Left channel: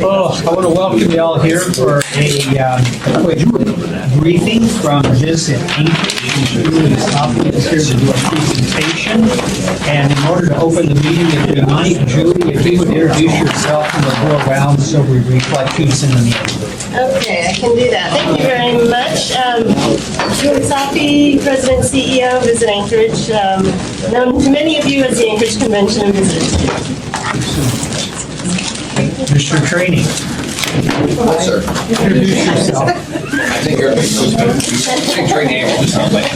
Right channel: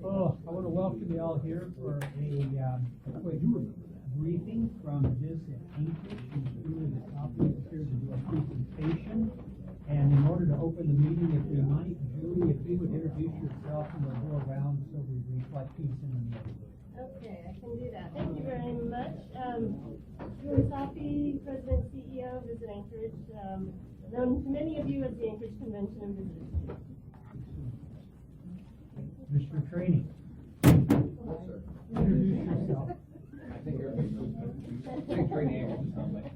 Oh, I want to welcome you all here for a quick briefing from Visit Anchorage. Julie Softly is here to do a presentation. And in order to open the meeting tonight, Julie, if you would introduce yourself and we'll go around so we reflect who's in the meeting. Okay, I can do that. Thank you very much. Julie Sophie, President and CEO of Visit Anchorage, known to many of you as the Anchorage Convention and Visitors. Mr. Training, Sir, introduce yourself. I think everybody knows me. Big train name, just sound like.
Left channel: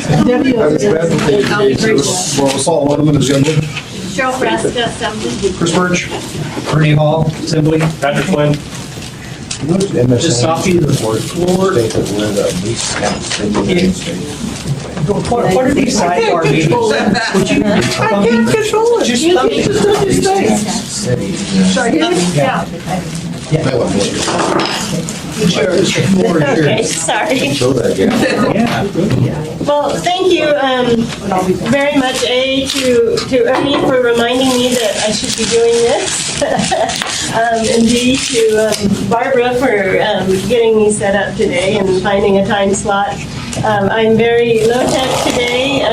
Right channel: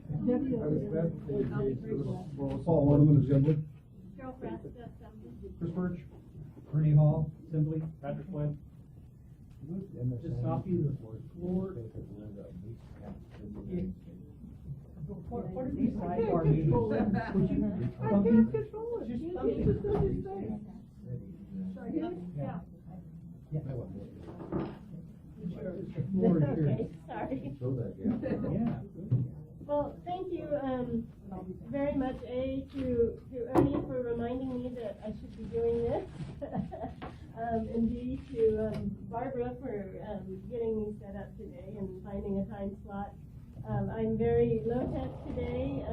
Paul Waterman, Assembly. Cheryl Frasca, Assembly. Chris Birch. Ernie Hall, Assembly. Patrick Flynn. Ms. Sophie, the floor. What are these sidebar meetings? Would you I can't control it. just Okay, sorry. Yeah. Well, thank you very much, to Ernie for reminding me that I should be doing this, and B, to Barbara for getting me set up today and finding a time slot. I'm very low-tech today.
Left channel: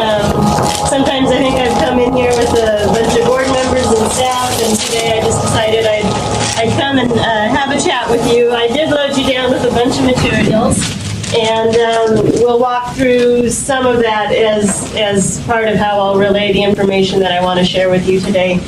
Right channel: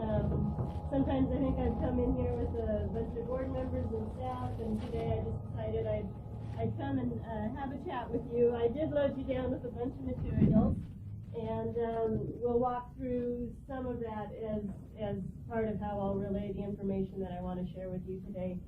Sometimes I think I've come in here with a bunch of board members and staff, and today I just decided I'd come and have a chat with you. I did load you down with a bunch of materials, and we'll walk through some of that as part of how I'll relay the information that I want to share with you today.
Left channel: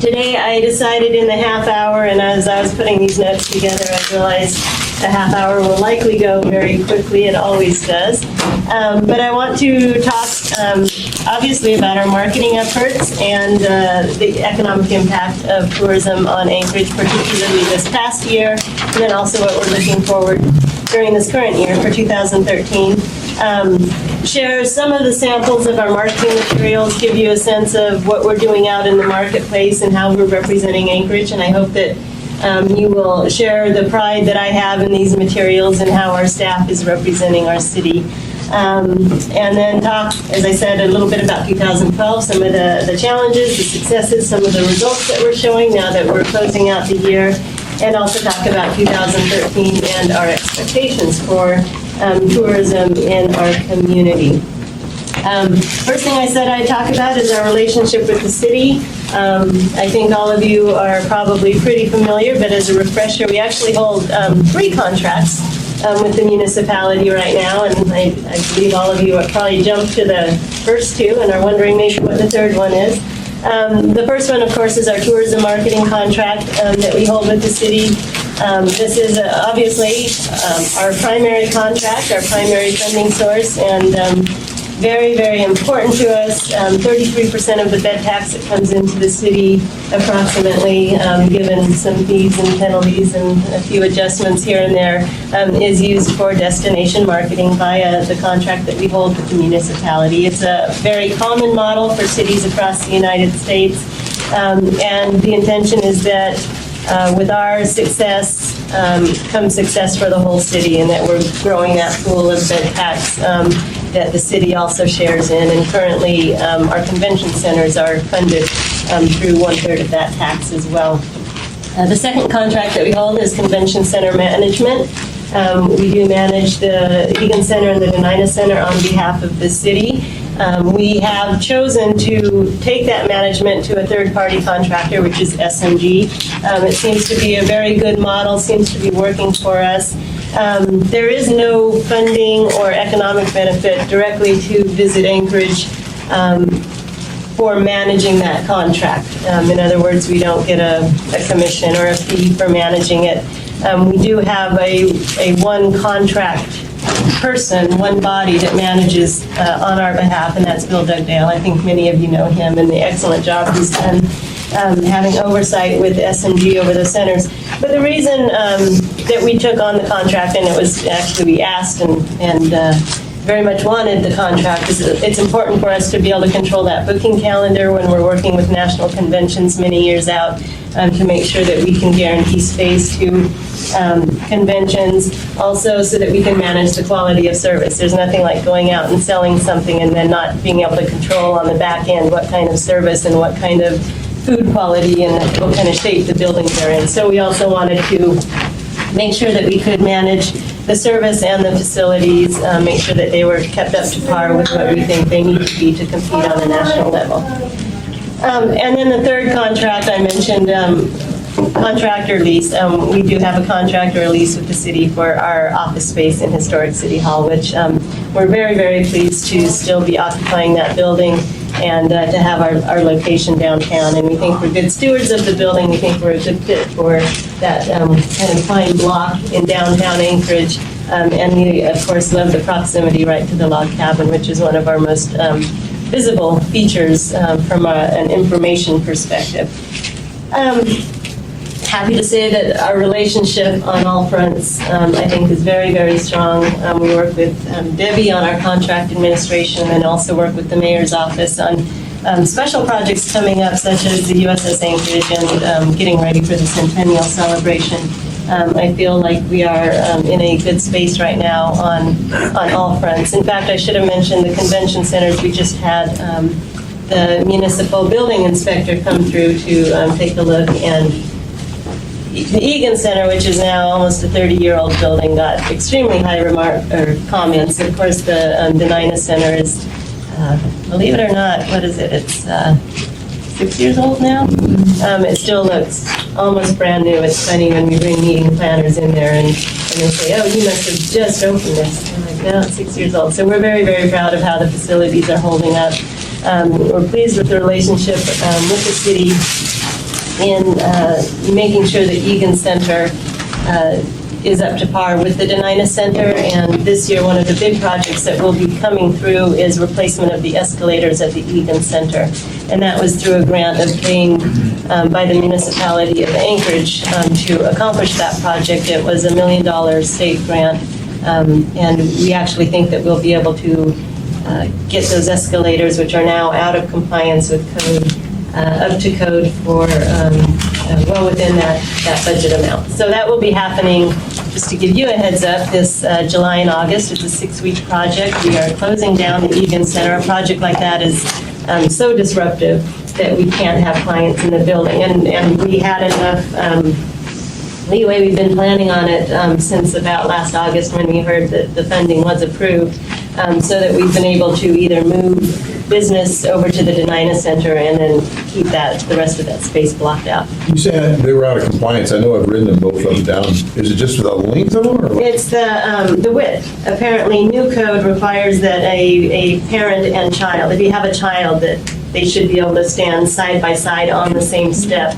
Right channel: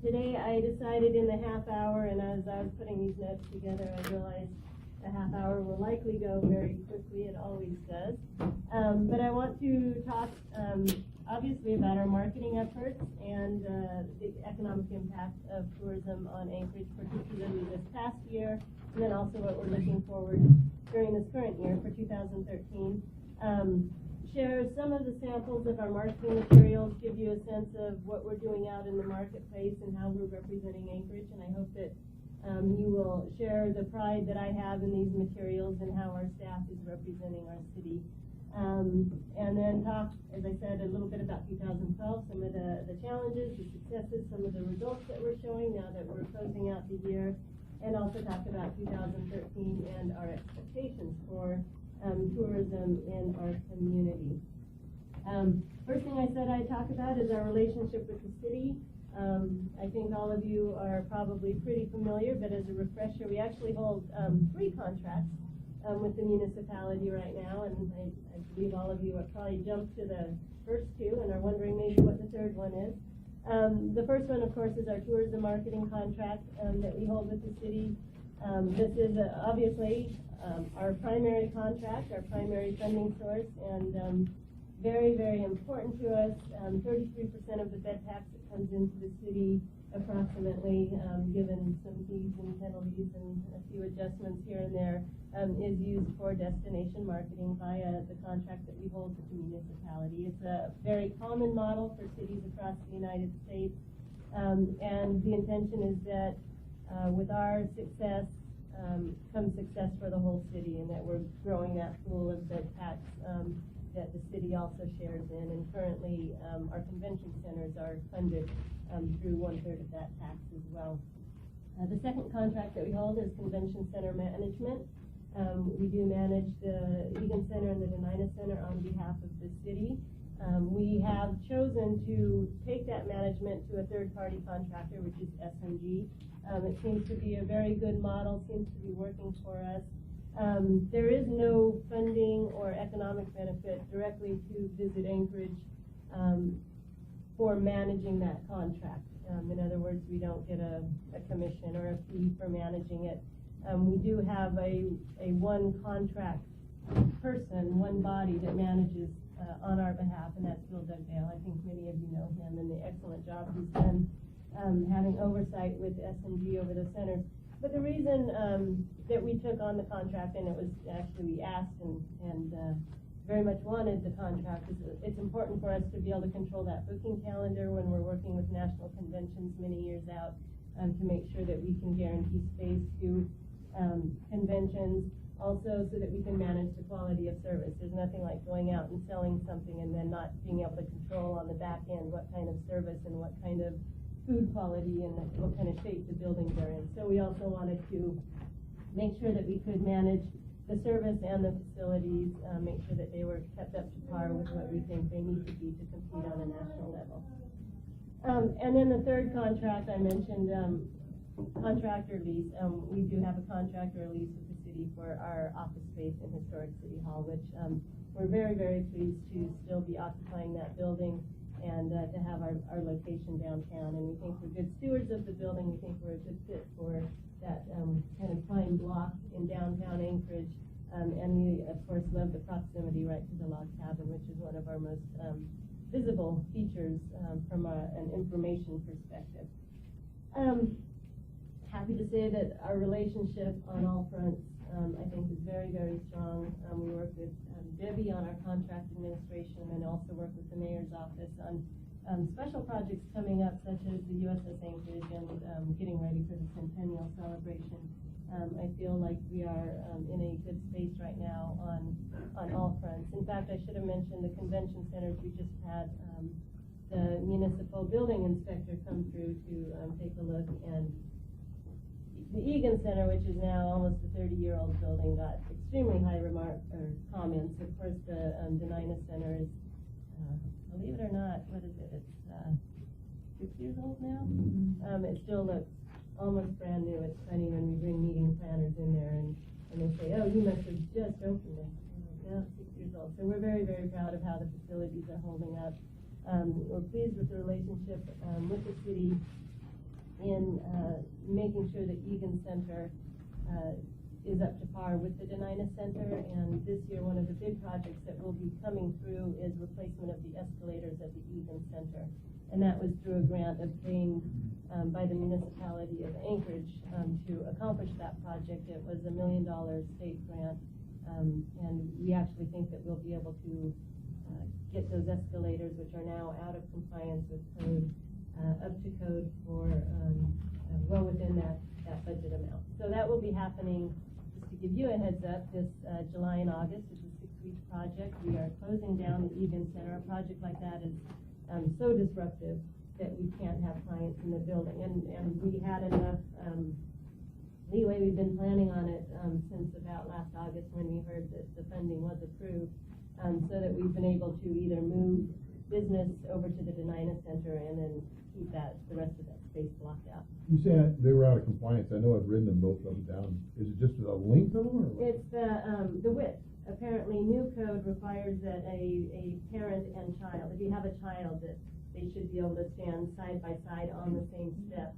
Today I decided in the half hour, and as I was putting these notes together, I realized the half hour will likely go very quickly. It always does. But I want to talk, obviously, about our marketing efforts and the economic impact of tourism on Anchorage, particularly this past year, and then also what we're looking forward during this current year for 2013. Share some of the samples of our marketing materials, give you a sense of what we're doing out in the marketplace and how we're representing Anchorage, and I hope that you will share the pride that I have in these materials and how our staff is representing our city. And then talk, as I said, a little bit about 2012, some of the challenges, the successes, some of the results that we're showing now that we're closing out the year, and also talk about 2013 and our expectations for tourism in our community. First thing I said I'd talk about is our relationship with the city. I think all of you are probably pretty familiar, but as a refresher, we actually hold 3 contracts with the municipality right now, and I believe all of you have probably jumped to the first 2 and are wondering maybe what the third one is. The first one, of course, is our tourism marketing contract that we hold with the city. This is obviously our primary contract, our primary funding source, and very, very important to us. 33% of the bed tax that comes into the city, approximately, given some fees and penalties and a few adjustments here and there, is used for destination marketing via the contract that we hold with the municipality. It's a very common model for cities across the United States, and the intention is that with our success comes success for the whole city, and that we're growing that pool of bed tax that the city also shares in. And currently, our convention centers are funded through 1/3 of that tax as well. The second contract that we hold is convention center management. We do manage the Egan Center and the Denina Center on behalf of the city. We have chosen to take that management to a third-party contractor, which is SMG. It seems to be a very good model, seems to be working for us. There is no funding or economic benefit directly to Visit Anchorage for managing that contract. In other words, we don't get a commission or a fee for managing it. We do have a one contract person, one body that manages on our behalf, and that's Bill Dugdale. I think many of you know him and the excellent job he's done having oversight with SMG over the centers. But the reason that we took on the contract, and it was actually we asked and very much wanted the contract, is it's important for us to be able to control that booking calendar when we're working with national conventions many years out, to make sure that we can guarantee space to conventions, also so that we can manage the quality of service. There's nothing like going out and selling something and then not being able to control on the back end what kind of service and what kind of food quality and what kind of shape the buildings are in. So we also wanted to make sure that we could manage the service and the facilities, make sure that they were kept up to par with what we think they need to be to compete on a national level. And then the third contract I mentioned, contractor lease. We do have a contractor lease with the city for our office space in historic City Hall, which we're very, very pleased to still be occupying that building and to have our location downtown. And we think we're good stewards of the building. We think we're a good fit for that kind of fine block in downtown Anchorage. And we, of course, love the proximity right to the log cabin, which is one of our most visible features from an information perspective. Happy to say that our relationship on all fronts, I think, is very, very strong. We work with Debbie on our contract administration and also work with the mayor's office on special projects coming up, such as the USS Anchorage and getting ready for the centennial celebration. I feel like we are in a good space right now on all fronts. In fact, I should have mentioned the convention centers. We just had the municipal building inspector come through to take a look, and the Egan Center, which is now almost a 30-year-old building, got extremely high comments. Of course, the Denina Center is, believe it or not, what is it? It's 6 years old now. It still looks almost brand new. It's funny when we bring meeting planners in there and they say, "Oh, you must have just opened this." I'm like, "No, it's 6 years old." So we're very, very proud of how the facilities are holding up. We're pleased with the relationship with the city in making sure that Egan Center is up to par with the Denina Center. And this year, one of the big projects that will be coming through is replacement of the escalators at the Egan Center. And that was through a grant obtained by the municipality of Anchorage to accomplish that project. It was $1 million state grant. And we actually think that we'll be able to get those escalators, which are now out of compliance with code, up to code for well within that budget amount. So that will be happening, just to give you a heads up, this July and August. It's a 6-week project. We are closing down the Egan Center. A project like that is so disruptive that we can't have clients in the building. And we had enough leeway. We've been planning on it since about last August when we heard that the funding was approved, so that we've been able to either move business over to the Denina Center and then keep the rest of that space blocked out. You said they were out of compliance. I know I've written them both of them down. Is it just for the length of them? Or what? It's the width. Apparently, new code requires that a parent and child, if you have a child, that they should be able to stand side by side on the same step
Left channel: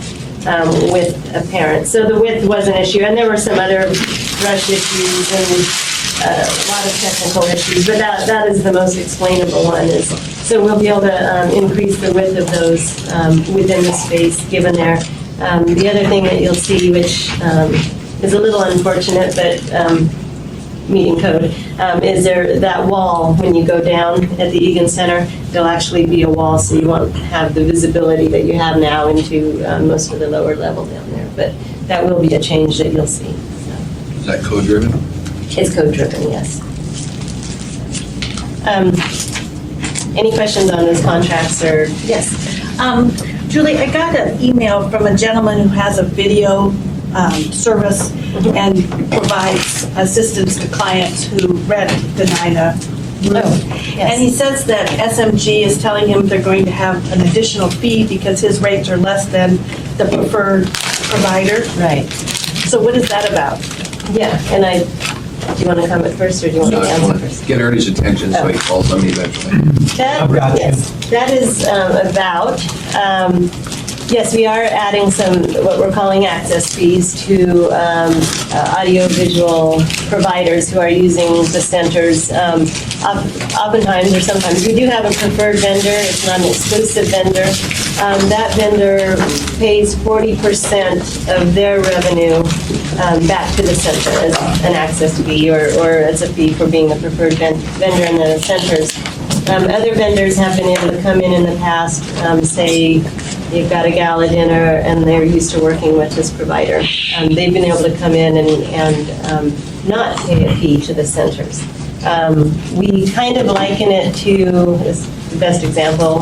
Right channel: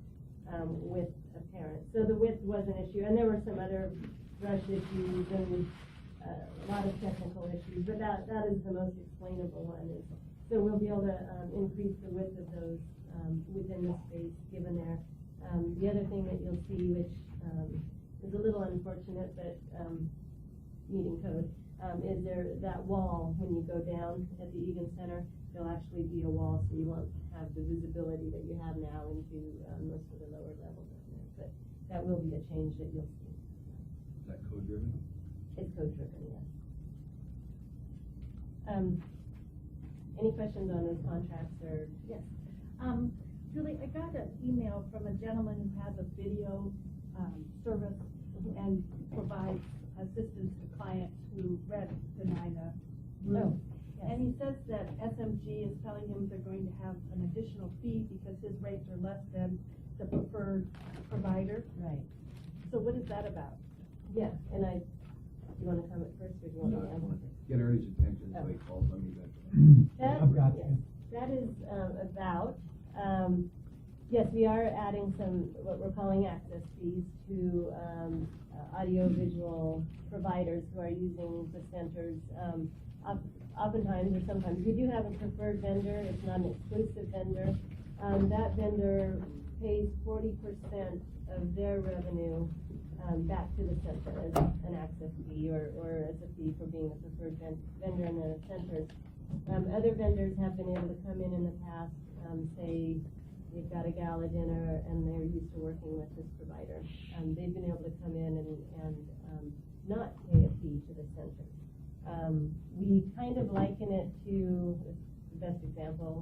with a parent. So the width was an issue, and there were some other brush issues and a lot of technical issues, but that is the most explainable one. So we'll be able to increase the width of those within the space given there. The other thing that you'll see, which is a little unfortunate, but meeting code, is there that wall when you go down at the Egan Center, there'll actually be a wall, so you won't have the visibility that you have now into most of the lower level down there. But that will be a change that you'll see. So. Is that code driven? It's code driven, yes. Any questions on those contracts or, yes? Julie, I got an email from a gentleman who has a video service and provides assistance to clients who rent the Denina room. Yes. And he says that SMG is telling him they're going to have an additional fee because his rates are less than the preferred provider. Right. So what is that about? Yeah, and do you want to comment first, or do you want No, me to I answer want to first? get Ernie's attention so he calls on me eventually. I've got you. Yes, that is about, yes, we are adding some, what we're calling access fees to audiovisual providers who are using the centers. Oftentimes, or sometimes, we do have a preferred vendor. It's not an exclusive vendor. That vendor pays 40% of their revenue back to the center as an access fee or as a fee for being a preferred vendor in the centers. Other vendors have been able to come in the past, say you've got a gala dinner and they're used to working with this provider. They've been able to come in and not pay a fee to the centers. We kind of liken it to, this is the best example,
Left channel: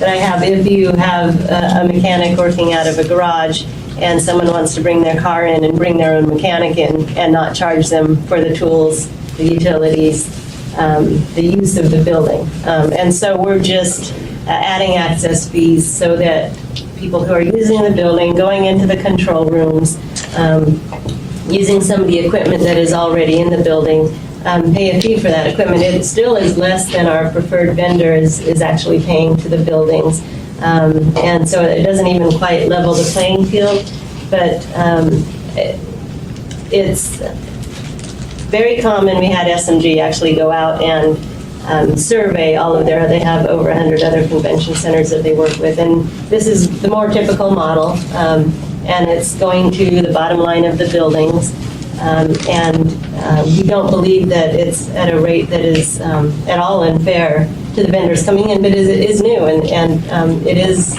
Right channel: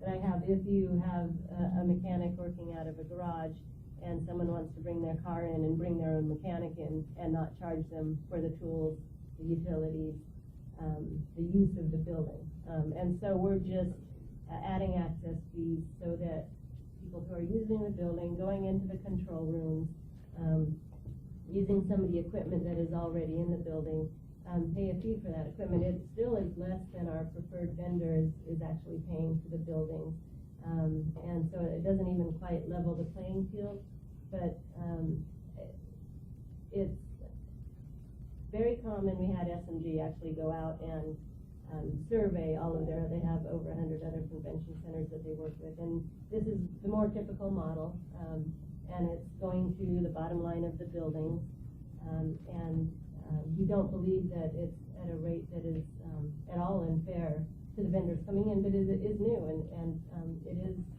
that I have. If you have a mechanic working out of a garage and someone wants to bring their car in and bring their own mechanic in and not charge them for the tools, the utilities, the use of the building. And so we're just adding access fees so that people who are using the building, going into the control rooms, using some of the equipment that is already in the building, pay a fee for that equipment. It still is less than our preferred vendor is actually paying to the buildings. And so it doesn't even quite level the playing field, but it's very common. We had SMG actually go out and survey all of they have over 100 other convention centers that they work with, and this is the more typical model, and it's going to the bottom line of the buildings, and we don't believe that it's at a rate that is at all unfair to the vendors coming in, but it is new, and it is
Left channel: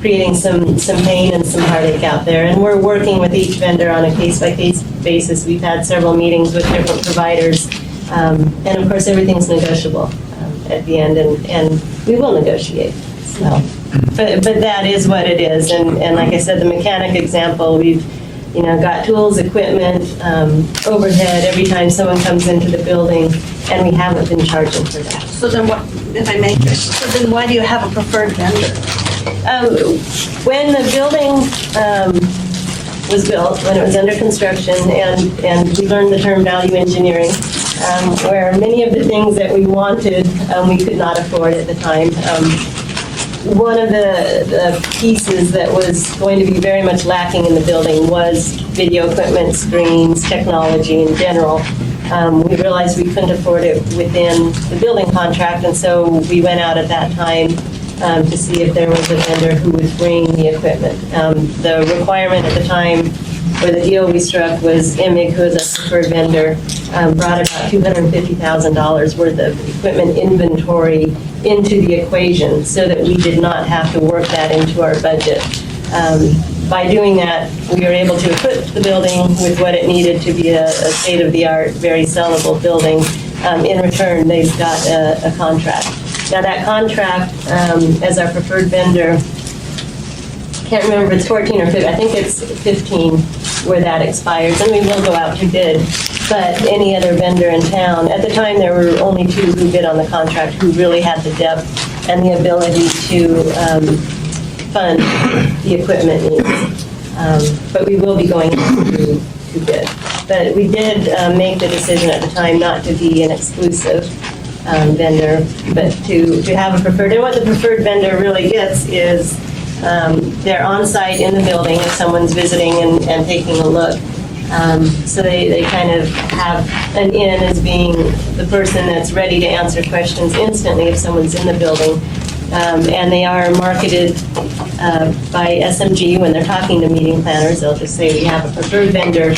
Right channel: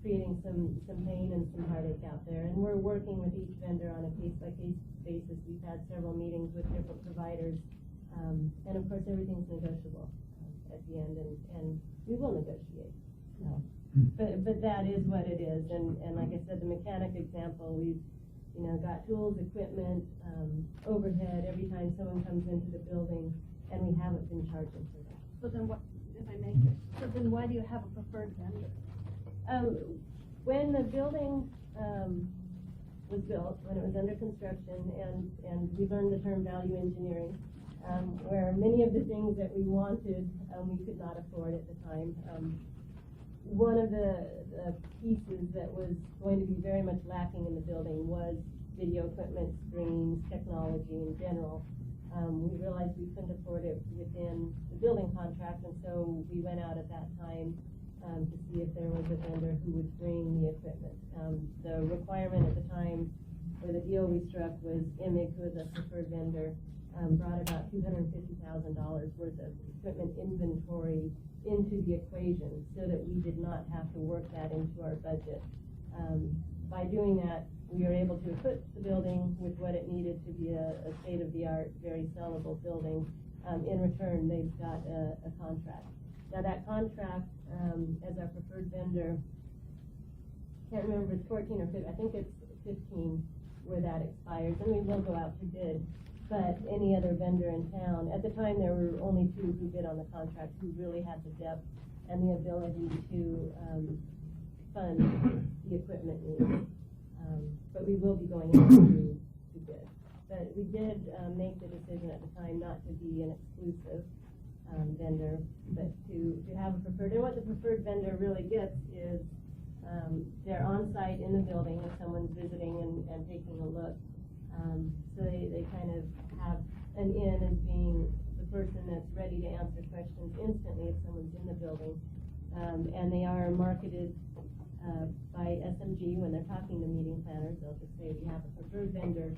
creating some pain and some heartache out there, and we're working with each vendor on a case-by-case basis. We've had several meetings with different providers. And of course, everything's negotiable at the end, and we will negotiate. So, but that is what it is. And like I said, the mechanic example, we've got tools, equipment, overhead every time someone comes into the building, and we haven't been charging for that. So then what, if I may, so then why do you have a preferred vendor? When the building was built, when it was under construction, and we learned the term value engineering, where many of the things that we wanted, we could not afford at the time. One of the pieces that was going to be very much lacking in the building was video equipment, screens, technology in general. We realized we couldn't afford it within the building contract, and so we went out at that time to see if there was a vendor who would bring the equipment. The requirement at the time, or the deal we struck, was IMIG, who is a preferred vendor, brought about $250,000 worth of equipment inventory into the equation so that we did not have to work that into our budget. By doing that, we were able to equip the building with what it needed to be a state-of-the-art, very sellable building. In return, they've got a contract. Now that contract, as our preferred vendor, can't remember if it's 14 or 15, I think it's 15 where that expires, and we will go out to bid. But any other vendor in town, at the time there were only 2 who bid on the contract who really had the depth and the ability to fund the equipment needs. But we will be going to bid. But we did make the decision at the time not to be an exclusive vendor, but to have a preferred. And what the preferred vendor really gets is they're on site in the building if someone's visiting and taking a look. So they kind of have an in as being the person that's ready to answer questions instantly if someone's in the building. And they are marketed by SMG when they're talking to meeting planners. They'll just say we have a preferred vendor,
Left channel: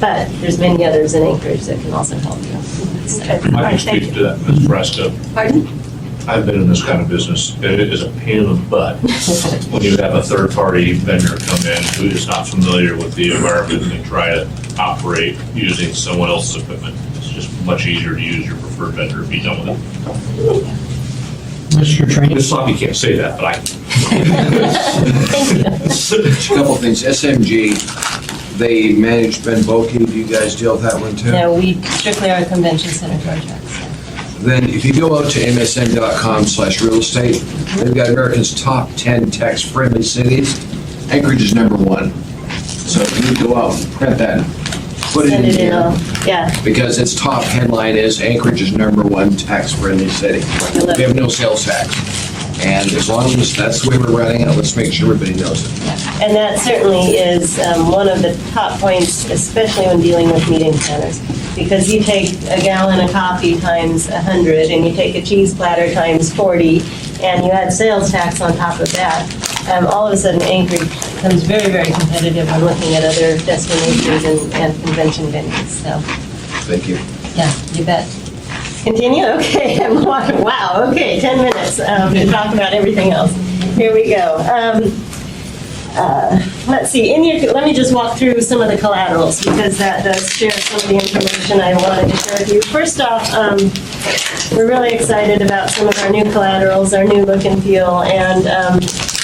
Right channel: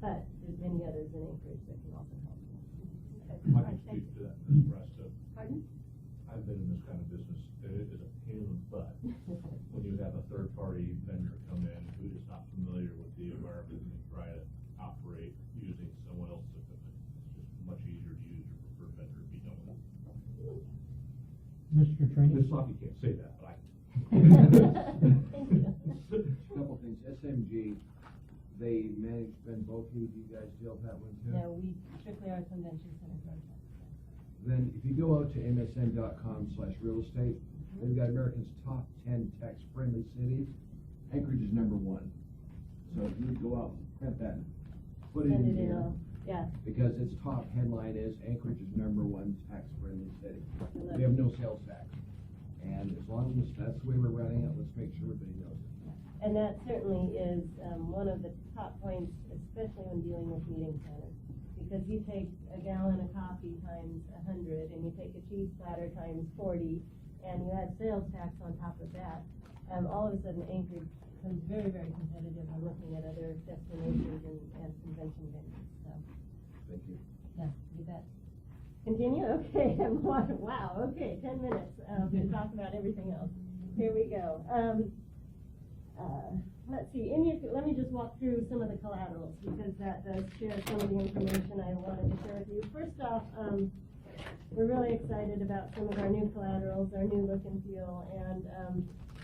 but there's many others in Anchorage that can also help you. So, I can speak to that, Ms. Fresca. Pardon? I've been in this kind of business, and it is a pain in the butt when you have a third-party vendor come in who is not familiar with the environment and try to operate using someone else's equipment. It's just much easier to use your preferred vendor if you done with it. Mr. Trainee? Ms. Sloppy can't say that, but I can. A couple of things. SMG, they manage Ben Boki. Do you guys deal with that one too? no, we strictly are a convention center contract. Then if you go out to msn.com/real estate, they've got America's top 10 tax-friendly cities. Anchorage is #1. So if you go out and print that, put it in Send it in, here. yeah. Because its top headline is Anchorage is #1 tax-friendly city. We have no sales tax. And as long as that's the way we're running it, let's make sure everybody knows it. And that certainly is one of the top points, especially when dealing with meeting centers. Because you take a gallon of coffee times 100, and you take a cheese platter times 40, and you add sales tax on top of that, all of a sudden Anchorage becomes very, very competitive when looking at other destinations and convention venues. So, Thank you. yeah, you bet. Continue? Okay. Wow. Okay, 10 minutes to talk about everything else. Here we go. let's see, let me just walk through some of the collaterals because that does share some of the information I wanted to share with you. First off, we're really excited about some of our new collaterals, our new look and feel, and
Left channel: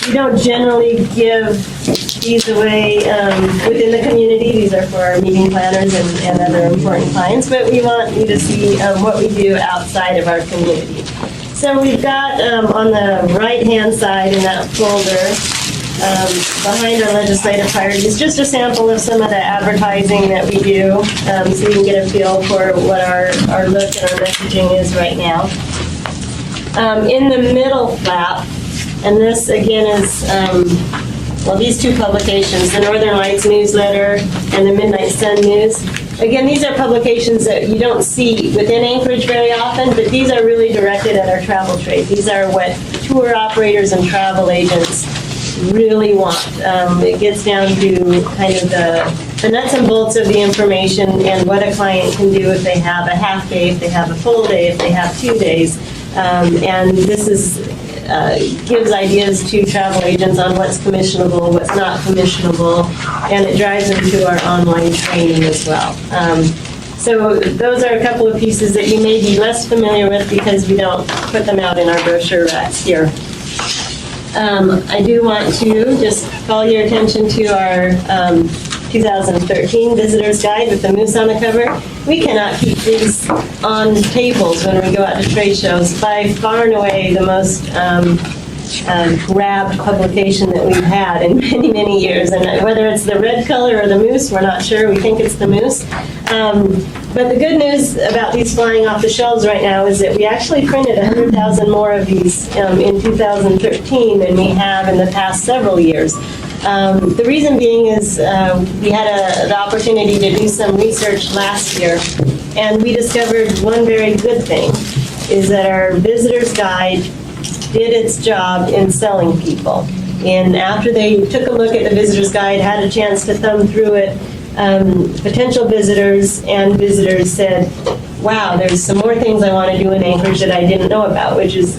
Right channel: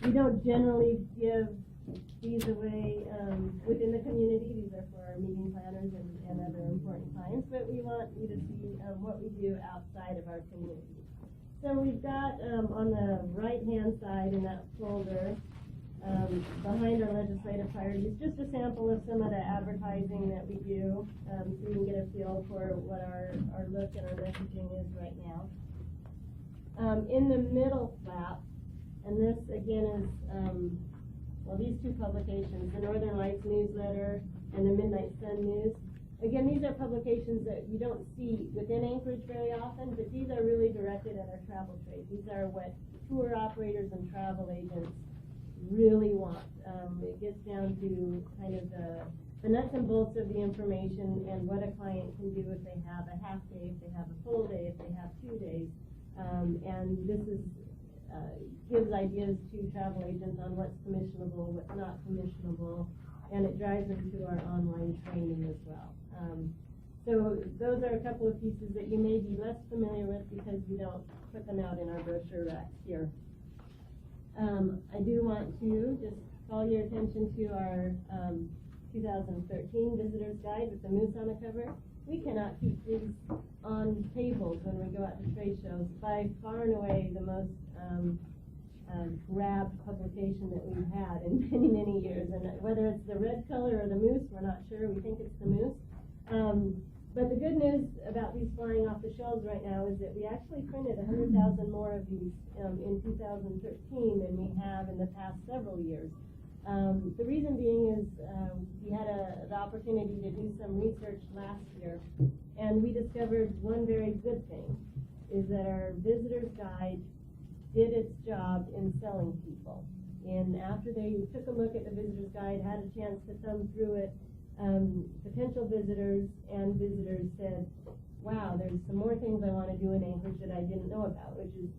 we don't generally give these away within the community. These are for our meeting planners and other important clients, but we want you to see what we do outside of our community. So we've got on the right-hand side in that folder, behind our legislative priorities, just a sample of some of the advertising that we do, so you can get a feel for what our look and our messaging is right now. In the middle flap, and this again is, well, these two publications, the Northern Lights newsletter and the Midnight Sun News. Again, these are publications that you don't see within Anchorage very often, but these are really directed at our travel trade. These are what tour operators and travel agents really want. It gets down to kind of the nuts and bolts of the information and what a client can do if they have a half day, if they have a full day, if they have 2 days. And this is gives ideas to travel agents on what's commissionable, what's not commissionable, and it drives them to our online training as well. So those are a couple of pieces that you may be less familiar with because we don't put them out in our brochure racks here. I do want to just call your attention to our 2013 Visitor's Guide with the moose on the cover. We cannot keep these on tables when we go out to trade shows. By far and away the most grabbed publication that we've had in many, many years. And whether it's the red color or the moose, we're not sure. We think it's the moose. But the good news about these flying off the shelves right now is that we actually printed 100,000 more of these in 2013 than we have in the past several years. The reason being is we had the opportunity to do some research last year, and we discovered one very good thing, is that our visitor's guide did its job in selling people. And after they took a look at the visitor's guide, had a chance to thumb through it, potential visitors and visitors said, wow, there's some more things I want to do in Anchorage that I didn't know about, which is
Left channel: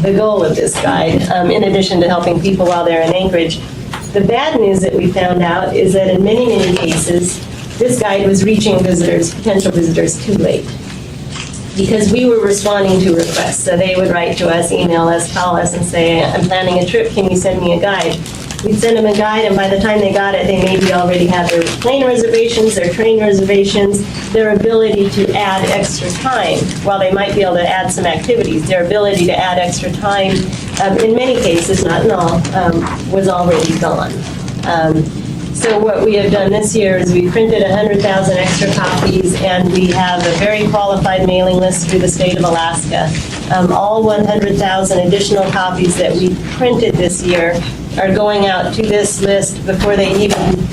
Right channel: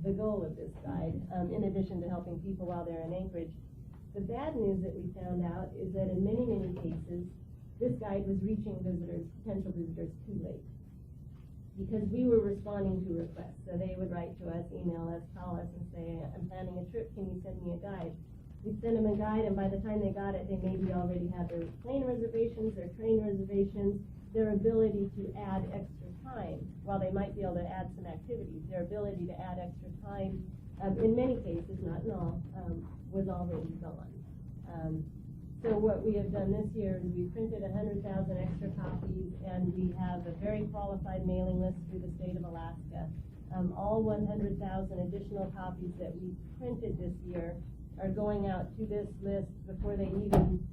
the goal of this guide, in addition to helping people while they're in Anchorage. The bad news that we found out is that in many, many cases, this guide was reaching visitors, potential visitors, too late. Because we were responding to requests. So they would write to us, email us, call us, and say, I'm planning a trip, can you send me a guide? We'd send them a guide, and by the time they got it, they maybe already had their plane reservations, their train reservations, their ability to add extra time. While they might be able to add some activities, their ability to add extra time, in many cases, not in all, was already gone. So what we have done this year is we printed 100,000 extra copies, and we have a very qualified mailing list through the state of Alaska. All 100,000 additional copies that we printed this year are going out to this list before they even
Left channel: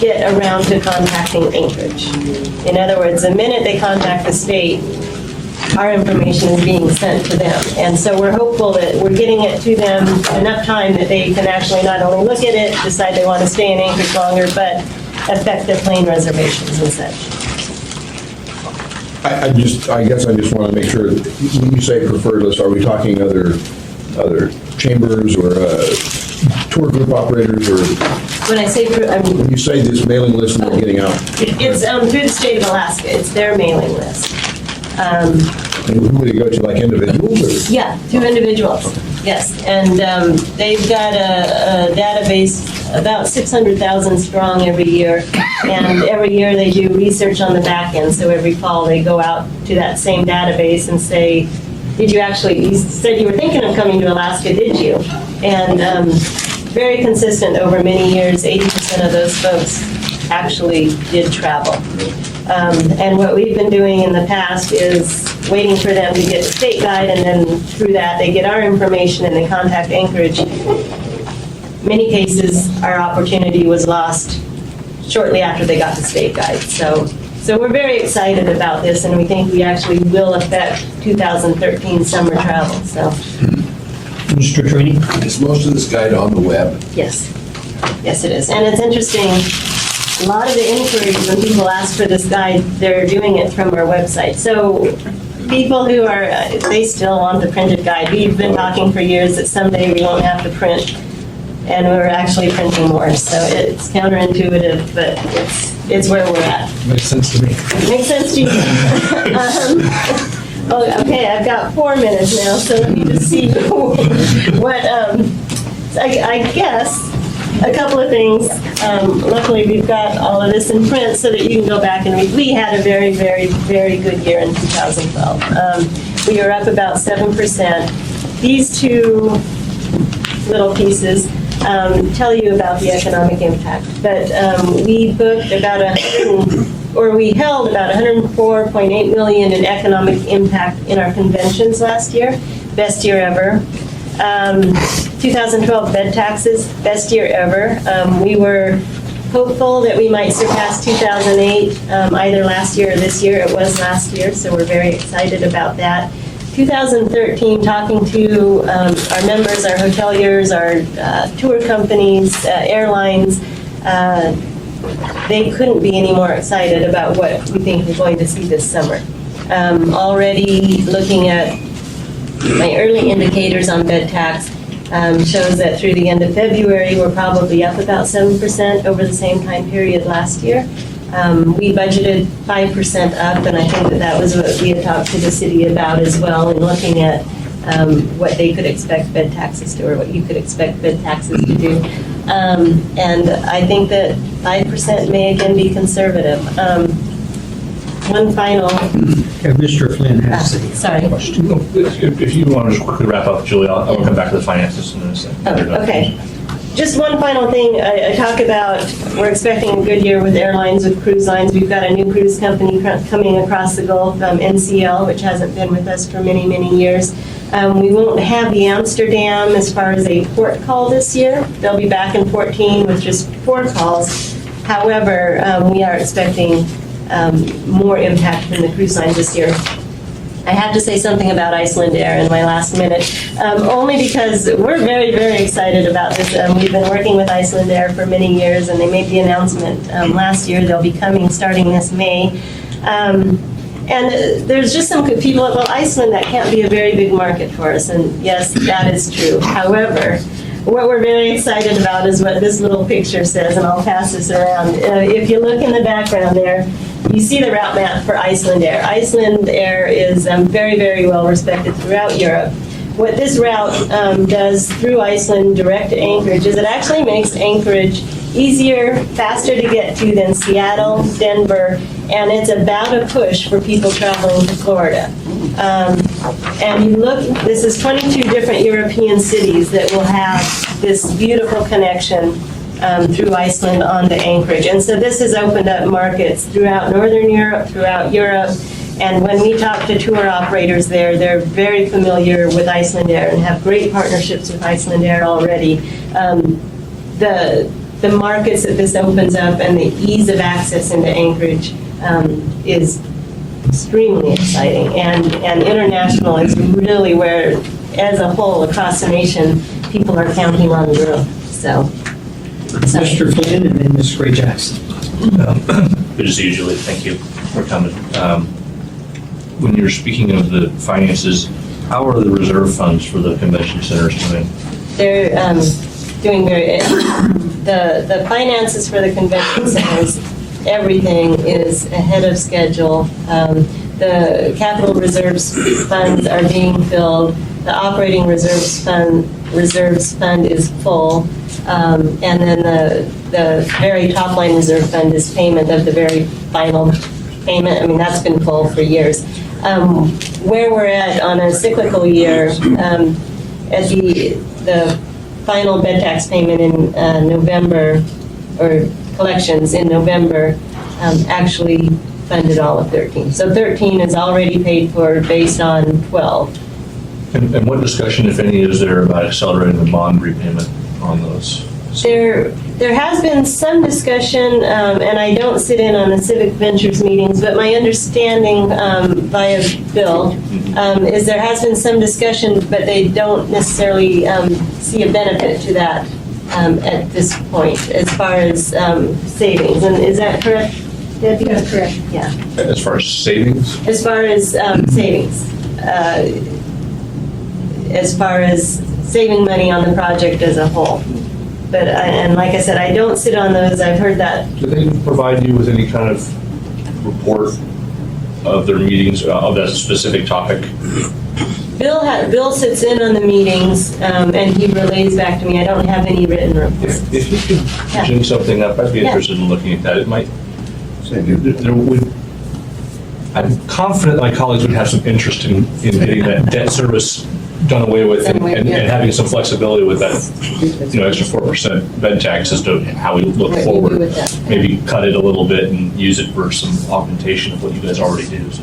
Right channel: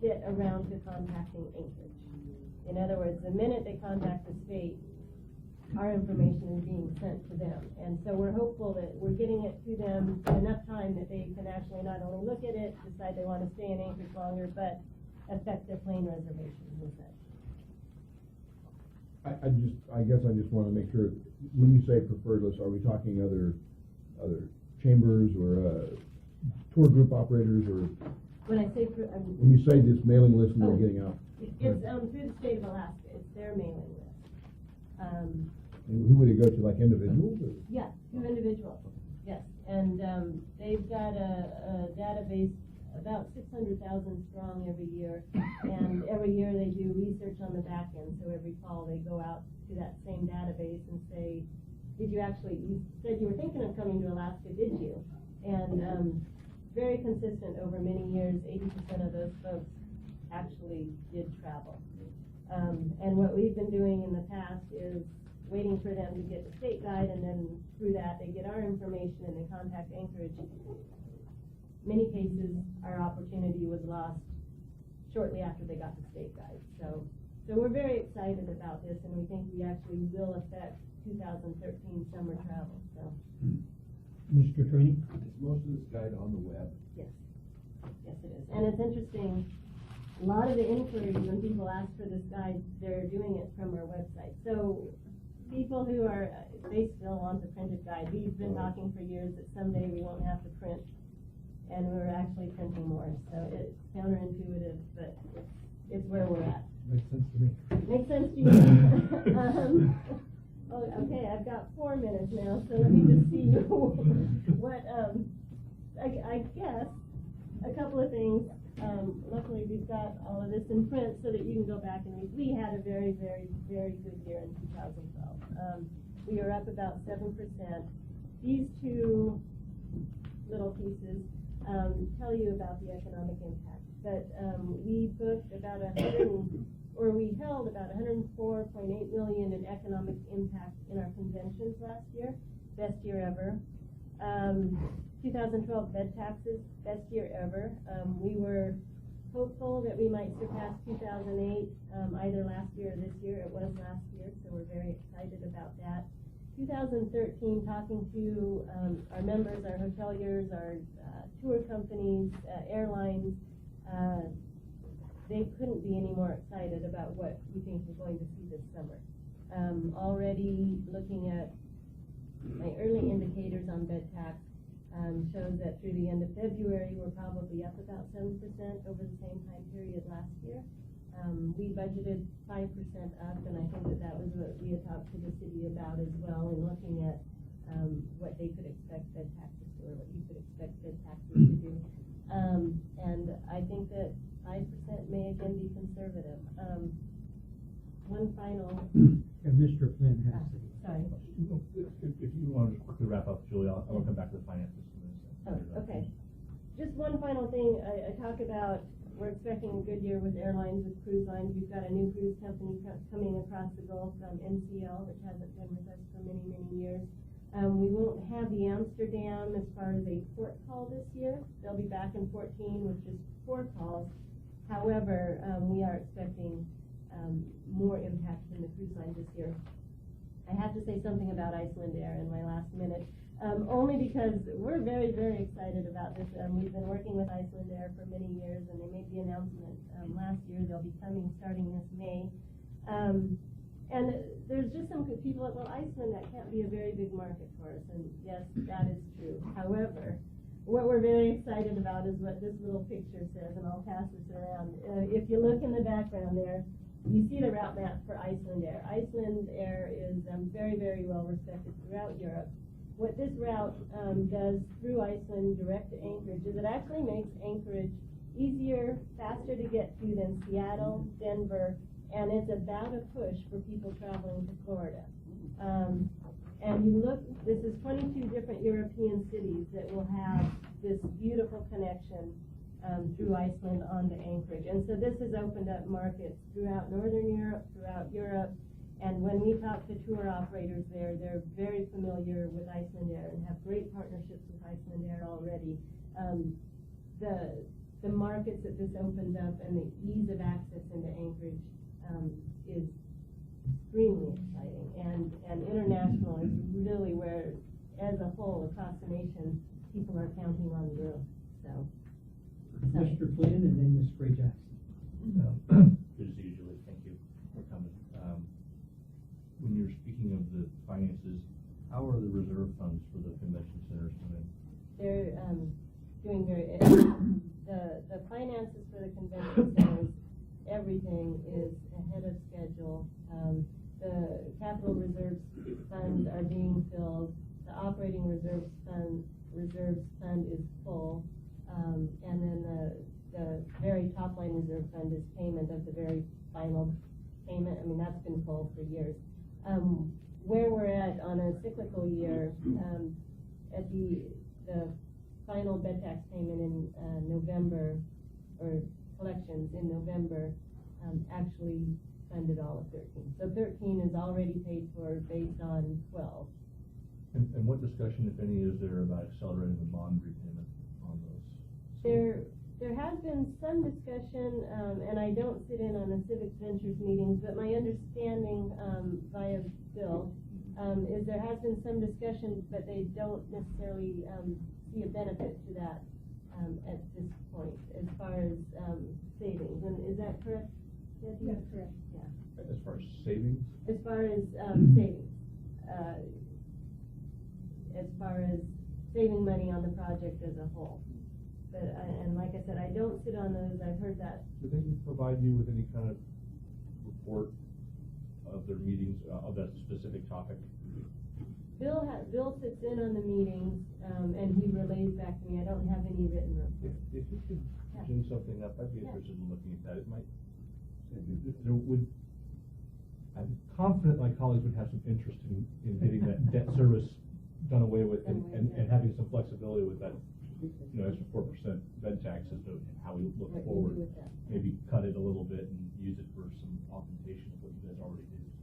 get around to contacting Anchorage. In other words, the minute they contact the state, our information is being sent to them. And so we're hopeful that we're getting it to them enough time that they can actually not only look at it, decide they want to stay in Anchorage longer, but affect their plane reservations and such. I guess I just want to make sure, when you say preferred list, are we talking other chambers or tour group operators, or When I say, when you say this mailing list that we're getting out? it's through the state of Alaska. It's their mailing list. And who would you go to, like individuals? Or? Yeah, to individuals, yes. And they've got a database about 600,000 strong every year. And every year they do research on the back end. So every fall they go out to that same database and say, did you actually, you said you were thinking of coming to Alaska, did you? And very consistent over many years, 80% of those folks actually did travel. And what we've been doing in the past is waiting for them to get the state guide, and then through that they get our information and they contact Anchorage. Many cases, our opportunity was lost shortly after they got the state guide. So we're very excited about this, and we think we actually will affect 2013 summer travel. So Mr. Trini? Is most of this guide on the web? yes, it is. And it's interesting. A lot of the inquiries when people ask for this guide, they're doing it from our website. So people who are, they still want the printed guide. We've been talking for years that someday we won't have to print and we're actually printing more. So it's counterintuitive, but it's where we're at. Makes sense to me. Makes sense to you. Oh, okay, I've got 4 minutes now, so let me just see what, I guess, a couple of things. Luckily, we've got all of this in print so that you can go back and read. We had a very, very, very good year in 2012. We were up about 7%. These two little pieces tell you about the economic impact. But we booked about we held about 104.8 million in economic impact in our conventions last year, best year ever. 2012 bed taxes, best year ever. We were hopeful that we might surpass 2008, either last year or this year. It was last year, so we're very excited about that. 2013, talking to our members, our hoteliers, our tour companies, airlines, they couldn't be any more excited about what we think we're going to see this summer. Already looking at my early indicators on bed tax shows that through the end of February, we're probably up about 7% over the same time period last year. We budgeted 5% up, and I think that was what we had talked to the city about as well, in looking at what they could expect bed taxes to, or what you could expect bed taxes to do. And I think that 5% may again be conservative. One final. Mr. Flynn has a Sorry. question. If you want to just quickly wrap up, Julie, I'll come back to the finances in a second. Okay. Just one final thing. I talk about, we're expecting a good year with airlines, with cruise lines. We've got a new cruise company coming across the Gulf, NCL, which hasn't been with us for many, many years. We won't have the Amsterdam as far as a port call this year. They'll be back in 14 with just 4 calls. However, we are expecting more impact from the cruise lines this year. I have to say something about Icelandair in my last minute, only because we're very, very excited about this. We've been working with Icelandair for many years, and they made the announcement last year. They'll be coming starting this May. And there's just some good people, well, Iceland, that can't be a very big market for us, and yes, that is true. However, what we're very excited about is what this little picture says, and I'll pass this around. If you look in the background there, you see the route map for Icelandair. Icelandair is very, very well respected throughout Europe. What this route does through Iceland direct to Anchorage is it actually makes Anchorage easier, faster to get to than Seattle, Denver, and it's about a push for people traveling to Florida. And you look, this is 22 different European cities that will have this beautiful connection through Iceland onto Anchorage. And so this has opened up markets throughout Northern Europe, throughout Europe. And when we talk to tour operators there, they're very familiar with Icelandair and have great partnerships with Icelandair already. The markets that this opens up and the ease of access into Anchorage is extremely exciting. And international is really where, as a whole, across the nation, people are counting on the growth. So. Mr. Flynn and then Ms. Gray Jackson. Good to see you, Julie. Thank you for coming. When you're speaking of the finances, how are the reserve funds for the convention centers doing? They're doing very, the finances for the convention centers, everything is ahead of schedule. The capital reserves funds are being filled. The operating reserves fund is full. And then the very top line reserve fund is payment of the very final payment. I mean, that's been full for years. Where we're at on a cyclical year, at the final bed tax payment in November, or collections in November, actually funded all of 13. So 13 is already paid for based on 12. And what discussion, if any, is there about accelerating the bond repayment on those? There has been some discussion, and I don't sit in on the Civic Ventures meetings, but my understanding via Bill is there has been some discussion, but they don't necessarily see a benefit to that at this point as far as savings. And is that correct, Debbie? That's correct. Yeah. As far as savings? As far as savings. As far as saving money on the project as a whole. and like I said, I don't sit on those. I've heard that. Do they provide you with any kind of report of their meetings, of that specific topic? Bill sits in on the meetings, and he relays back to me. I don't have any written reports. If you could gin something up, I'd be Yeah. interested in looking at that. It might, there would, I'm confident my colleagues would have some interest in getting that debt service done away with and having some flexibility with that, extra 4% bed tax as to how we look Right, we forward. agree with that. Maybe cut it a little bit and use it for some augmentation of what you guys already do. So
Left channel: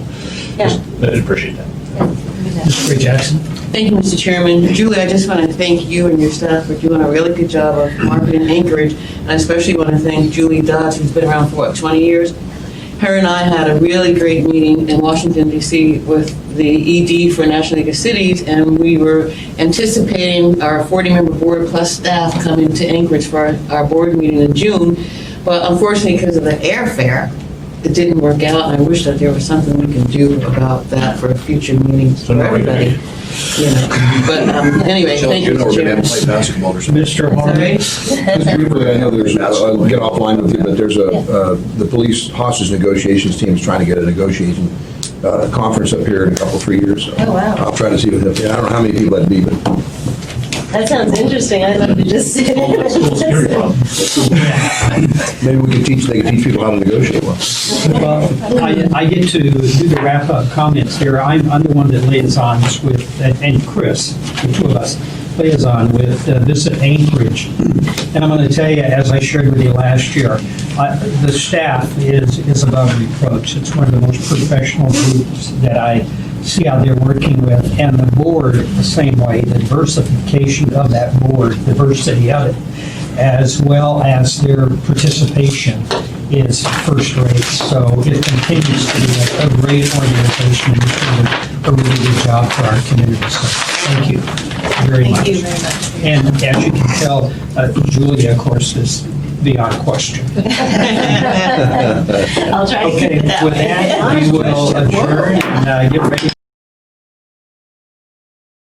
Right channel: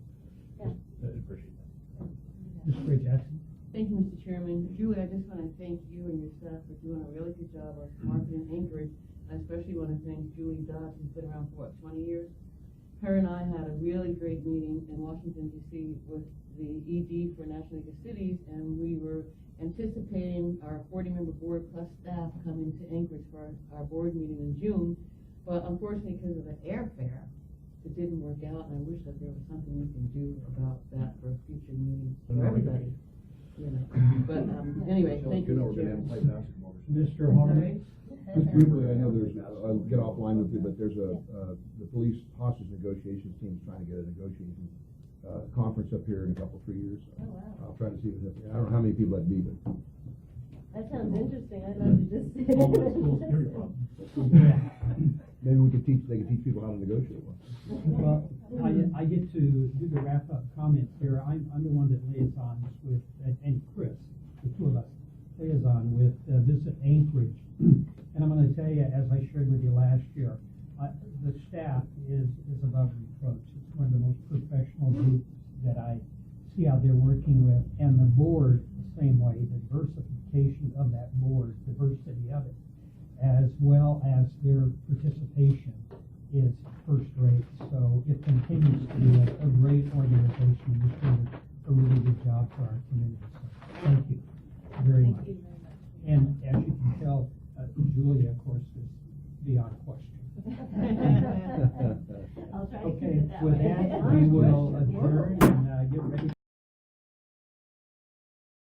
I'd appreciate that. Mr. Ray Jackson? Thank you, Mr. Chairman. Julie, I just want to thank you and your staff for doing a really good job of marketing Anchorage. And I especially want to thank Julie Dodds, who's been around for, 20 years? Her and I had a really great meeting in Washington, D.C. with the ED for National League of Cities, and we were anticipating our 40-member board plus staff coming to Anchorage for our board meeting in June. But unfortunately, because of the airfare, it didn't work out, and I wish that there was something we can do about that for future meetings for everybody. But anyway, thank you, You know, Mr. we're going to Chairman. play basketball or something. Mr. Harmon? Sorry? Just briefly, I know there's, I'll get offline with you, but there's the police hostage negotiations team is trying to get a negotiation conference up here in a couple, 3 years. So Oh, wow. I'll try to see what, I don't know how many people that'd be, but That sounds interesting. I'd love to just sit in. maybe we could they could teach people how to negotiate well. Well, I get to do the wrap-up comments here. I'm the one that liaisons with, and Chris, the two of us, liaison with Visit Anchorage. And I'm going to tell you, as I shared with you last year, the staff is above reproach. It's one of the most professional groups that I see out there working with, and the board the same way. The diversification of that board, diversity of it, as well as their participation is first rate. So it continues to be a great organization and doing a really good job for our community. So thank you very much. Thank you very much. And as you can tell, Julia, of course, is beyond question. I'll try to keep Okay, it that with way. that, we will adjourn and get ready.